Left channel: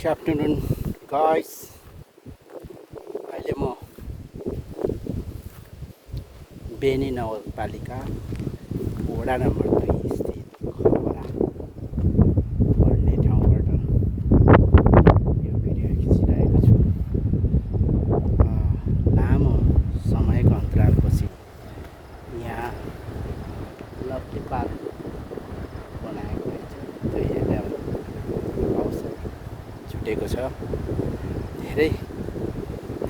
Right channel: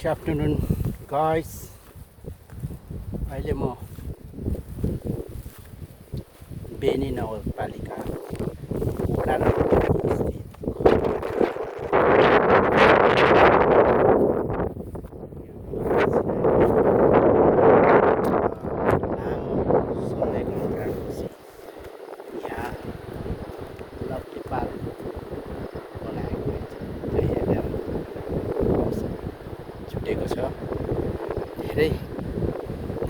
Good afternoon guys. अहिले म बेनी नगरपालिका वडा नम्बर लामो समयको अन्तरालपछि यहाँ लप्पी पार्क बनाएको रहेछ। जहिले अब अवसर छुटेको छ। धेरै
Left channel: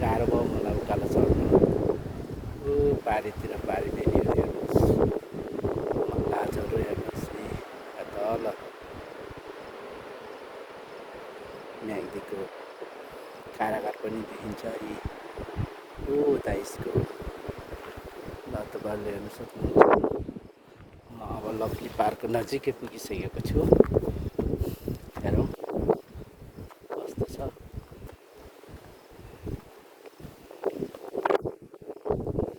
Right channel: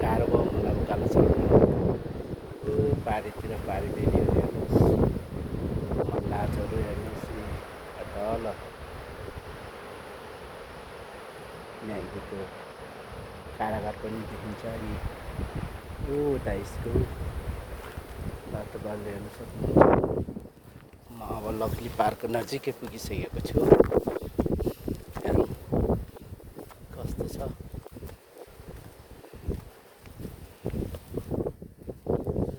गाह्रो भयो होला उकालो चढ्नु। पारीतिर पारी बेनी नाचहरू हेर्नुहोस् तल नदीको कारागार पनि देखिन्छ। अनि उता स्कुल ल तपाईँहरूले हेर्न सक्नुहुन्छ। म अब लक्ली पार्कको नजिकै पुगिसकेको छु। हेरौँ कस्तो छ।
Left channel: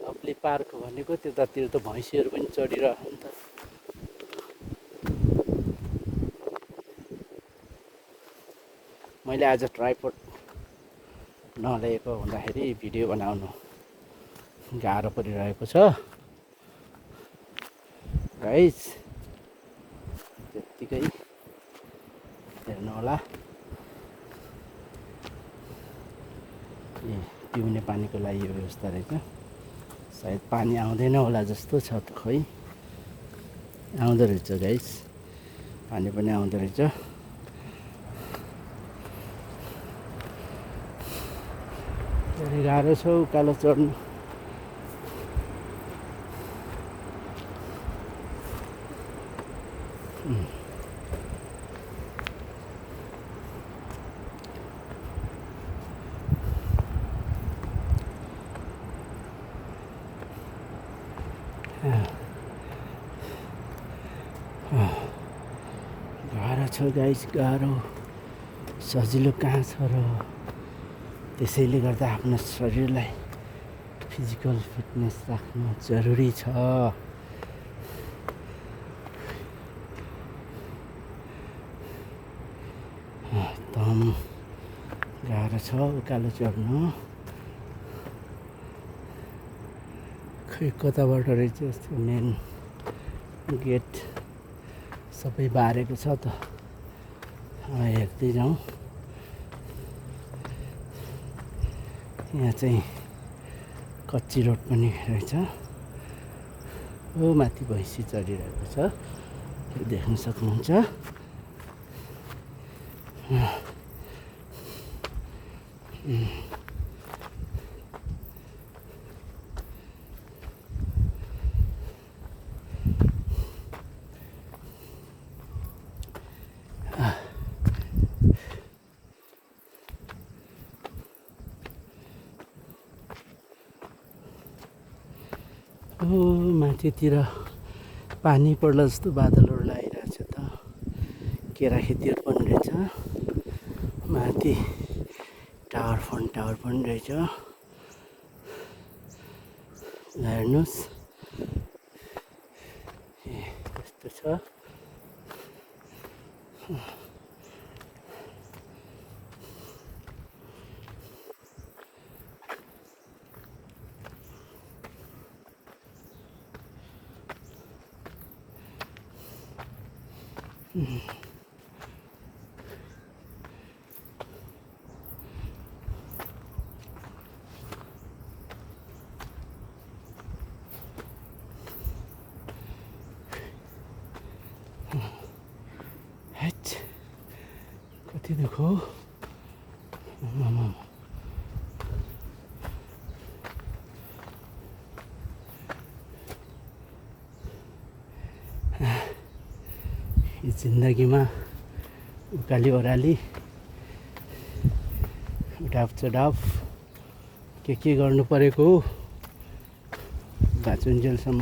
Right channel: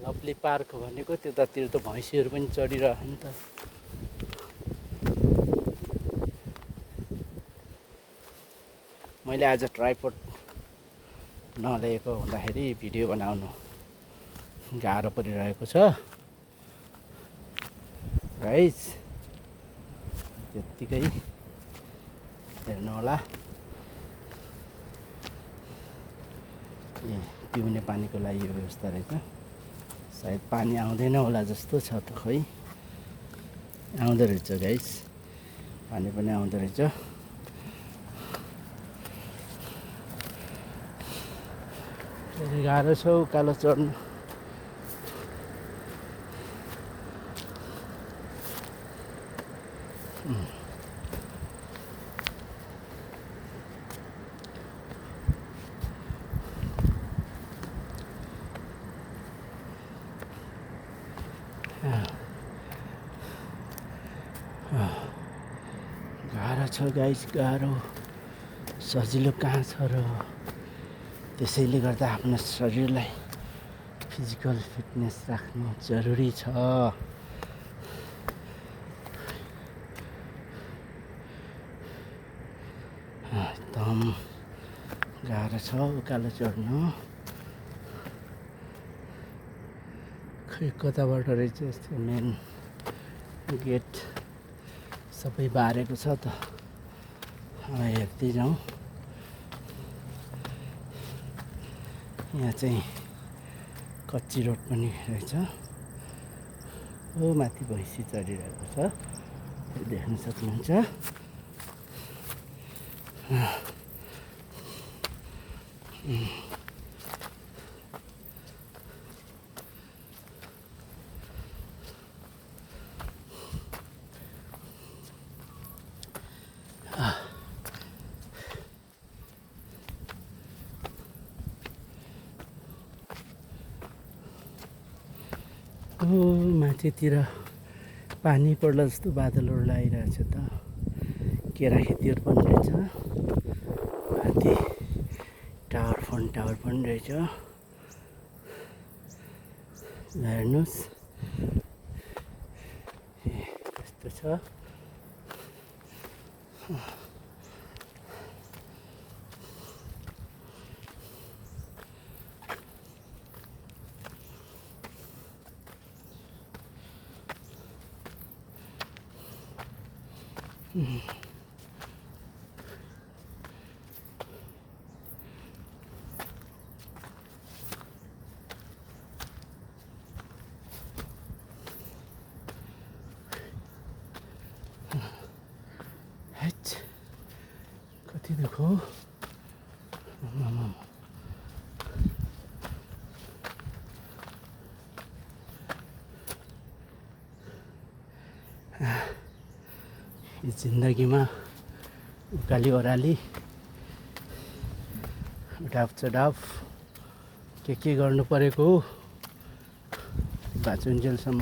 लक्ली पार्क भनेको त्यतातिर त भैँसीहरू पनि चढिरह्यो नि त। मैले आज ट्राइपड नलिएको हुँदाखेरि भिडियो बनाउनु गाह्रो परिरहेको छ गाइस। त्यत्तिकै हेर्नु होला। पिउने पानीको लागि व्यवस्था रहेछ। सायद पानी आउँदैन होला जस्तो छ त। खै आउँदो रहेछ गाइस, पानी पनि आउँदो रहेछ। गाह्रो छ उकालो चढ्नु। गाह्रो छ गाइस, गाह्रो। सजिलो कहाँ छ र। त्यसैले गर्दा आफ्नो शरीरलाई फिजिकल फिटनेस राख्नु जरुरी छ। एकदम गाह्रो छ उकालो चढ्नु। खै कताबाट रहेछ यस्तो मेन गेट सबै बारेको छ त। हेर्दै जाउँ। यहाँ चाहिँ कच्ची रोड पनि रहेछ। माथि भैँसी चढिरहेको छ, देख्न सक्नुहुन्छ। माथितिर पानी पर्ला जस्तो बादलहरू लागिरहेछ त। केरा खेतीहरू पनि रहेछ। माथि टावर पनि रहेछ। हेर्नुहोस् कस्तो छ। कति दुःख हो। जिन्दगीमा उकाली ओह्राली उडाप चढाप के गर्नु परेको हो बाँचुन्जेलसम्म।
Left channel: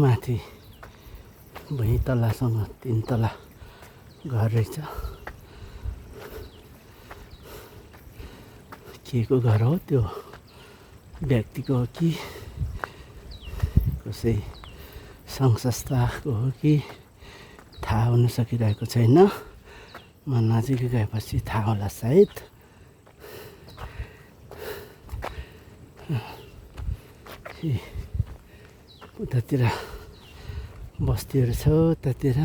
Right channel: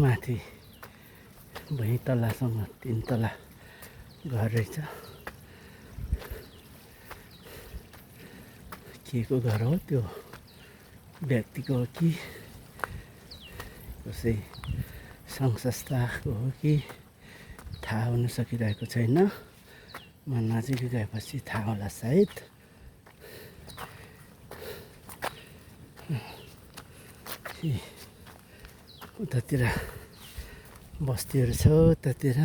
माथि 2 तलासँग 3 तला घर रहेछ। के को घर हो, त्यो व्यक्तिको हो कि कसै सङ्घ संस्थाको हो कि थाहा हुन सकिरहेको छैन। म नजिकै गएपछि थाहा होला सायद। उतातिर बस्तीहरू छ, उतातिर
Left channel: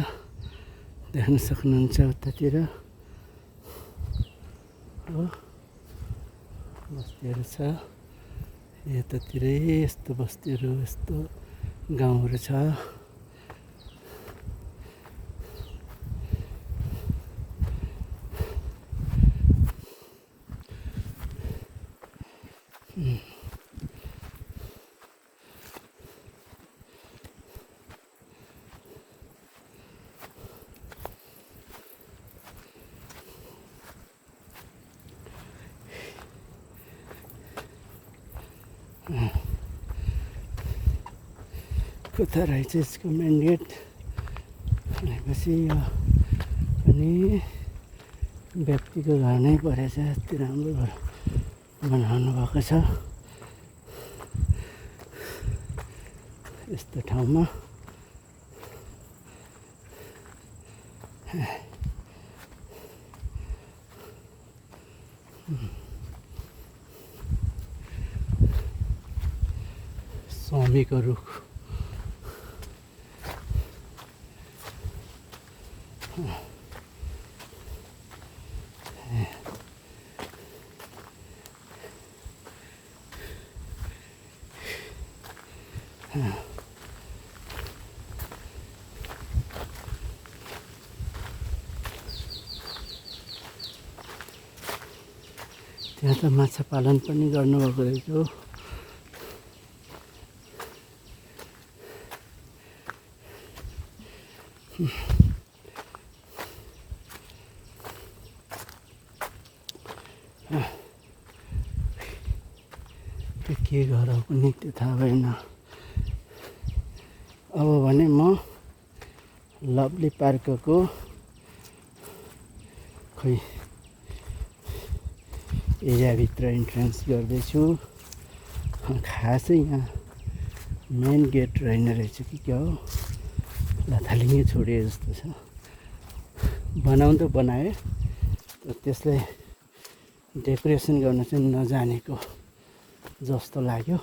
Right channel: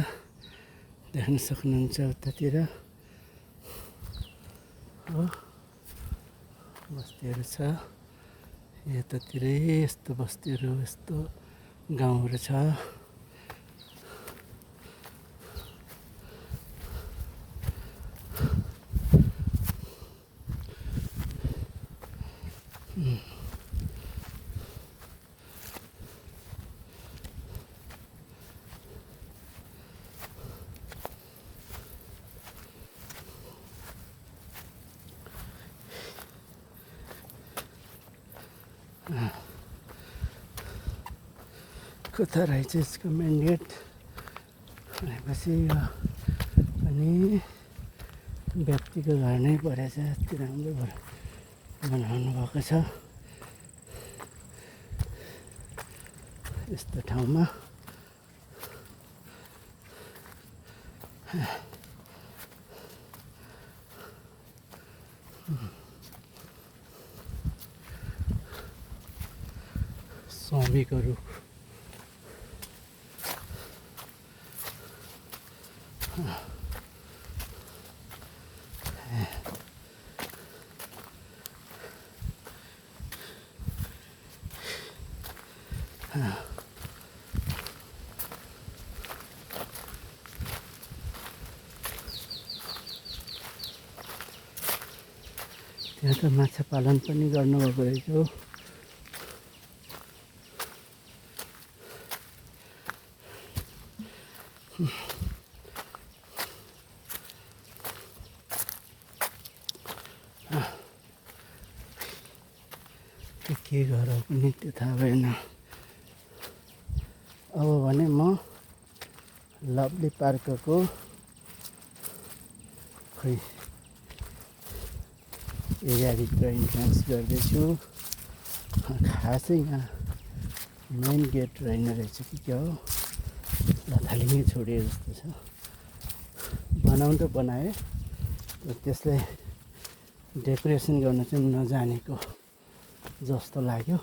देख्न सक्नुहुन्छ, उतातिर हो बस्तीहरू छ। यतातिरै यस्तो बस्तीहरू, यस्तो गाउँहरू छ। कता रहेछ यसको मेन गेट भनेपछि यो पनि व्यक्तिको घर नै परेछ। यति राम्रो घर बनाउनु भएको छ यस्तो ठाउँमा। सौमीको रुख त्यहाँ त माछा पालन पनि गर्नुभएको रहेछ हो। के घर हो पनि त्यो थाहा भएन। अब भने म लभली पार्कको खोइ एरियाभित्र इन्ट्रेन्स गर्दैछु। खासै यहाँ मेन गेट रहेन रहेछ कि क्या हो, लथालिङ्गै छोडिए जस्तो छ। बनाउनु त बनाए तर त्यसलाई डेकोरेसन गर्न चाहिँ नजानेको जस्तो लाग्यो।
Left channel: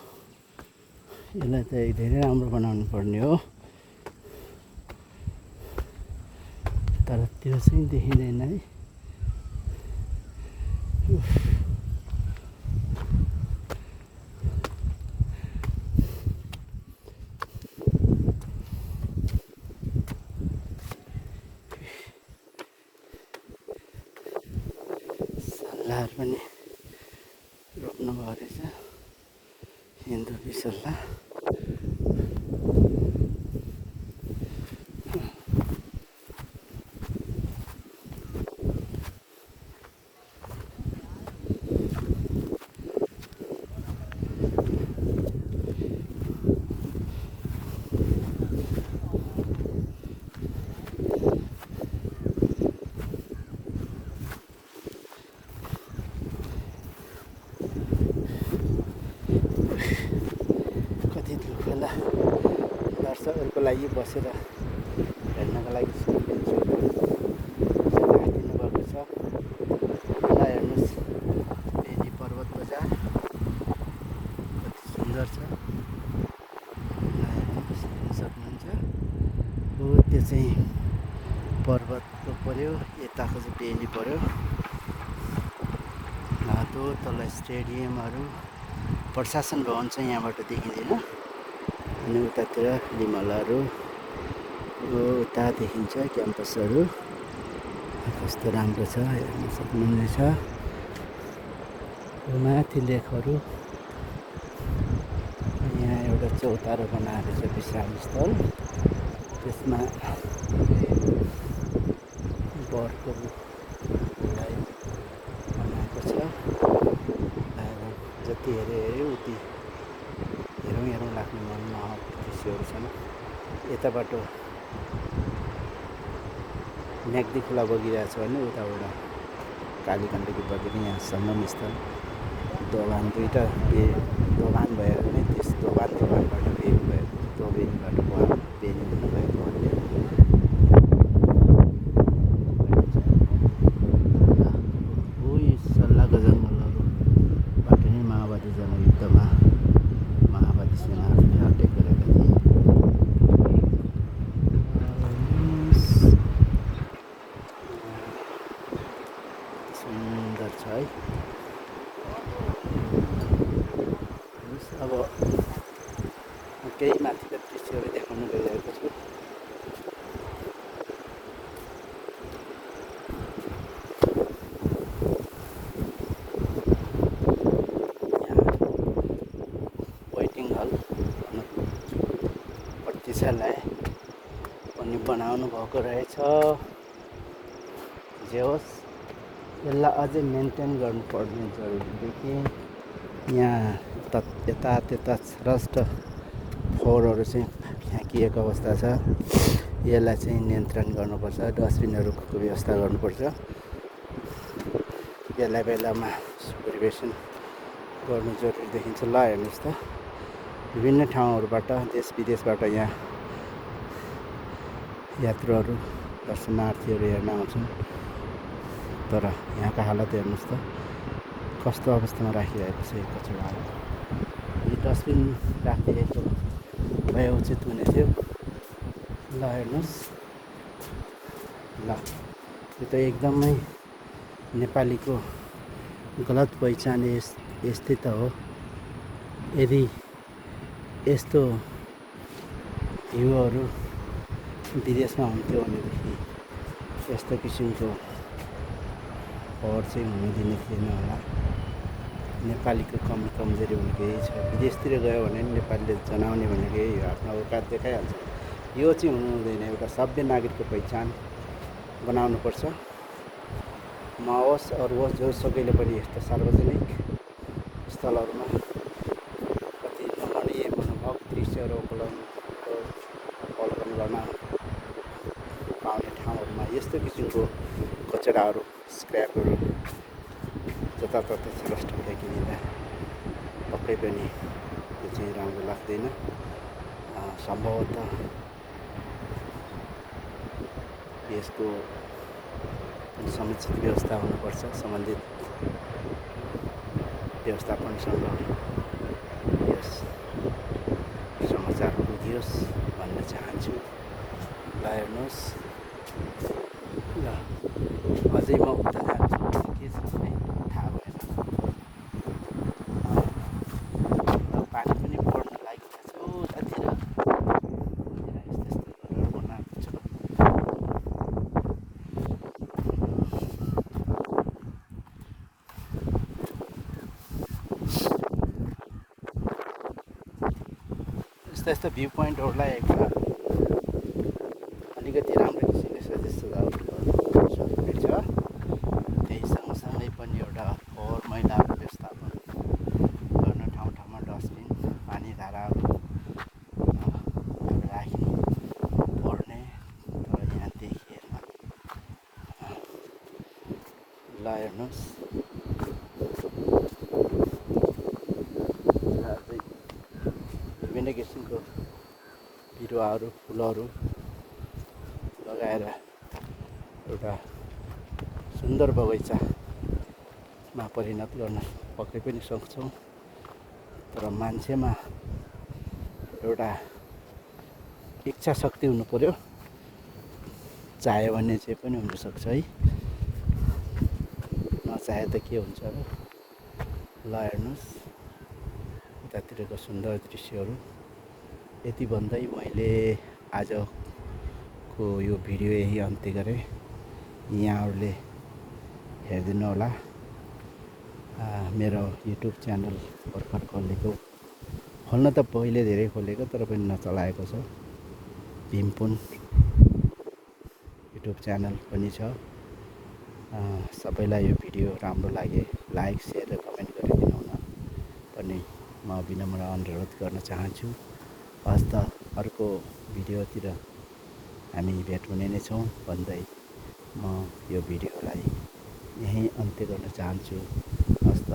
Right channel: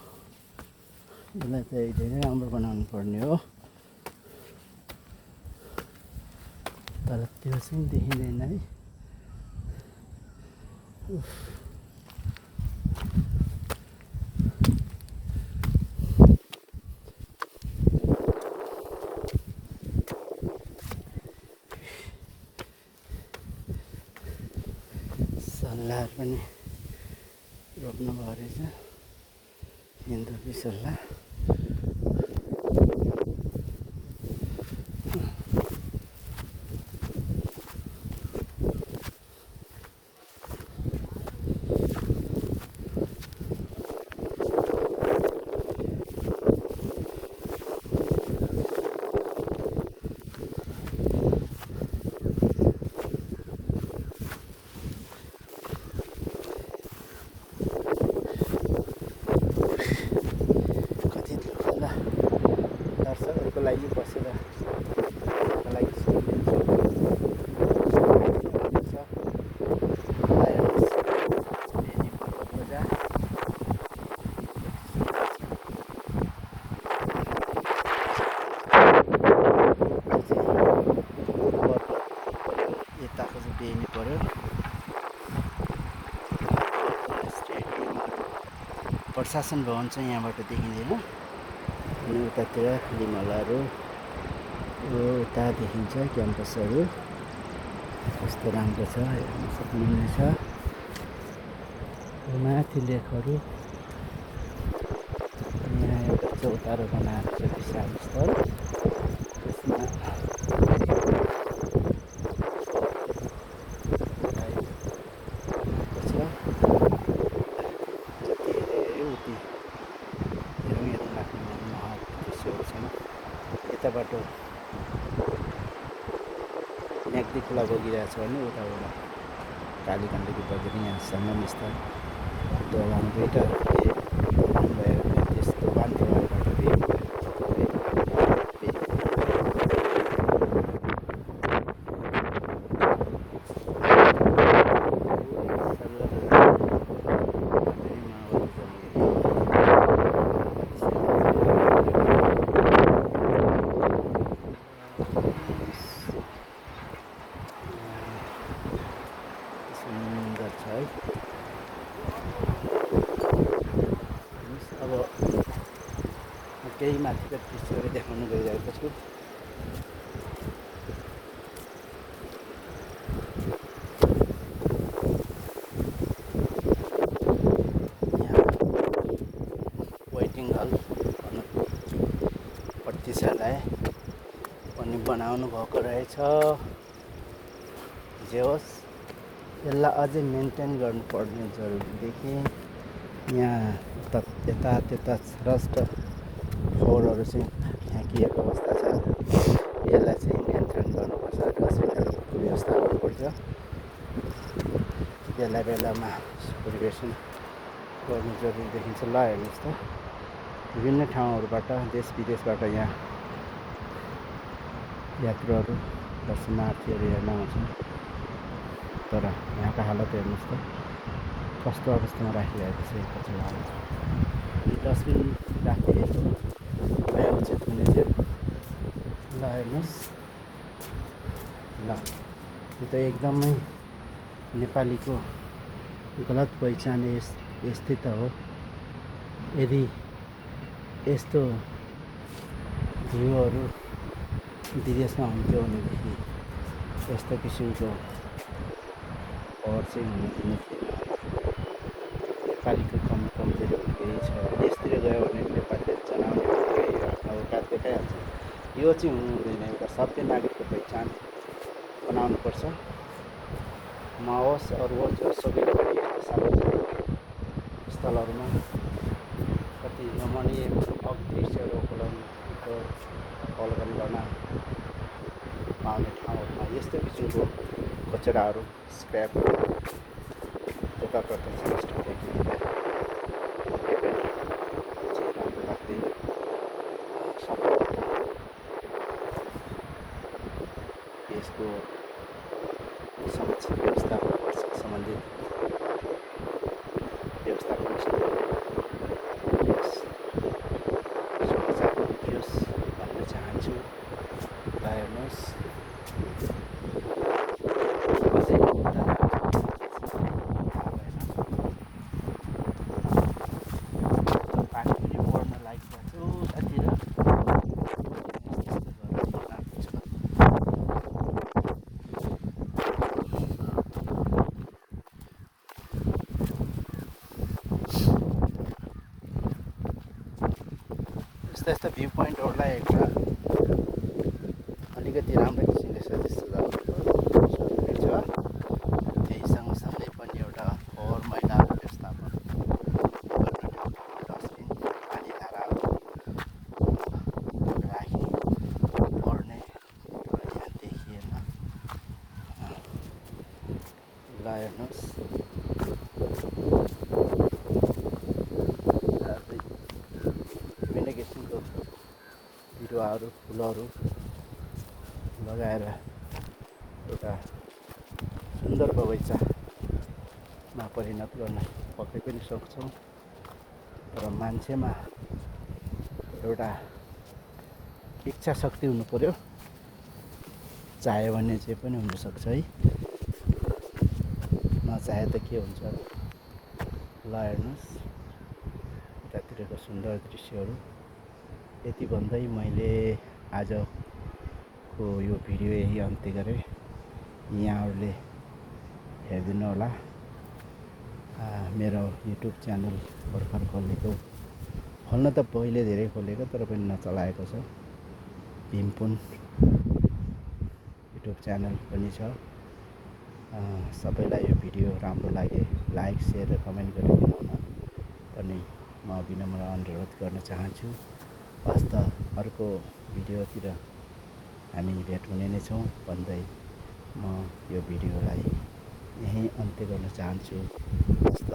यसलाई चाहिँ धेरै राम्रो बनाउनु पर्ने हो, तर त्यो चाहिँ देखिँदैन है। सल्लाह पनि रोप्नु भएको रहेछ, हिन्दू सल्लाह। दर्शकहरूको लागि बसेर हेर्नको लागि दिन्छु। पर्वत बजार सुन्दर छ। त्यो चाहिँ पर्वत पऱ्यो, यताको चाहिँ बेली पऱ्यो। स्टेडियमहरू, प्रशासन भवन चाहिँ यहाँबाट देखिँदैन। अनि उतातिर लिमलाहरू, यो उता देखिन्छ क्याम्पसहरू कस्तो राम्रो छ हेर्न सक्नुहुनेछ। माथि लेकहरू, यहाँ एउटा चौतारो बनाएको छ विश्राम स्थल। त्यसमा बर्डको बनाएको छ। जति हेऱ्यो उति हेरौँ लाग्ने मनमोहक दृश्यहरू छन्। यताबाट म्याग्दी खोला बगिरहेछ भने उताबाट कालीगण्डकी बगेर यहाँ सङ्गम स्थल दोभान दुईवटा दोभान भएर त्यस दोभानबाट बेनी भयो त्यो बेनी सल्लाहको पटनी माओवादी जनयुद्धमा माओवादी सेना सुन्दर छ है। अब त्यही माथिको दृश्यहरू देखाउन गइरहेको छु। वेटिङ हल प्रतीक्षालय पनि बनाउनु भएको रहेछ। जे होस् यसलाई अझै मेन्टेन गर्नुपर्ने जरुरी देखेँ। यहाँ यता त्यता रस्ट फोहोरहरू चाहिँ फ्याँकिएको अवस्था छ। यसलाई चाहिँ नियन्त्रण गर्नुपर्छ, डस्टबिनहरूको व्यवस्था गर्नुपर्छ। यसलाई बेलामा परिवेशन गर्नु जरुरी देखिन्छ। ल हेर्नुहोस् त, विभिन्न ठाउँहरूबाट देश विदेशबाट यहाँ यात्रुहरू दर्शनार्थीहरू हेर्न आउँछन्। तर यहाँको हालत हेर्नुहोस् त कस्तो अवस्थामा राखिरहेको छ यो कचडाहरू। डस्टबिन राखिदिएको भए उचित हुने थियो। ल हेर्नुहोस्, ल यो त एकदमै नेपालीको गलत पहिचान यस्तै त हो। यदि यस्तो भ्यूहरू विदेशमा हुन्थ्यो भनेदेखि यस्तो किसिमको खबर चाहिँ हुन दिने थिएन होला। नेपालीको कमजोरीहरू केही छ। विदेशतिर गयो भने नेपालीले जनाउनु भनेको आफ्नो औकात देखाइहाल्छ। यो चाहिँ हुनु हुँदैन। एउटा सभ्य नागरिकको पहिचान बनाउनुपर्छ। म होस् अरू होस् जोसुकैले पनि यस्तो सार्वजनिक स्थलहरूमा कति रमणीय मनमोहक दृश्यहरू अवलोकन गर्न पाउने ठाउँहरूमा यस्तो किसिमको कचडाहरू स्क्रैपहरू जताततै स्पष्ट देखिँदा पक्कै पनि यो चाहिँ राम्रो लाग्दैन। सम्भवतः यसको समुचित व्यवस्था हुनुपर्छ। सम्बन्धित व्यवस्थापनसँग समाचार बुझियोस् भन्न चाहन्छु। हेर्नुहोस् अझै म उता पानी पनि बढ्न लागिरहेको छ उतातिर। यस्तो भ्यू पोइन्टहरूलाई एकताल अलिकति राम्रो किसिमले सजिलो छ। त्यही सँगसँगै पनि एउटा फोहोर मैलाको व्यवस्थापन गर्न ठाउँ ठाउँमा डस्टबिन पानी धाराहरू राखी पर्ने यहाँ देखिएन। ल हेर्नुहोस् विभिन्न किसिमको बिरुवाहरू फुलहरू लगाएर एउटा सुन्दर बगैँचामा परिणत गर्न पक्कै पनि सक्छौँ। तर मान्छेमा एउटा इच्छा शक्ति हुनु पर्यो। चाह्यो भने जे पनि हुनसक्छ है। नचाहे त के हुन्छ अब। ल हेर्नुहोस् यतातिरको सुन्दर दृश्यहरू। यति भन्दै मैले आजको यो भिडियो यही अन्त्य गरेँ। यहाँहरूले हेरिदिनु होला। मेरो युट्युब च्यानल भर्खर खोलेको, खोल्न त पहिले धेरै खोलेको तर पनि नचलाएको छ। भीमपुन युट्युब च्यानल पनि छ। सबैलाई यो भिडियो राम्रो लागे लाइक सेयर र कमेन्ट गरिदिनु पनि म विनम्र अनुरोध गर्न चाहन्छु। हस्त अर्को भिडियोतिर हामी भेट हुने नै छौँ भन्दै म यो भिडियोलाई यहीँ अन्त्य गर्न चाहन्छु। हस्त।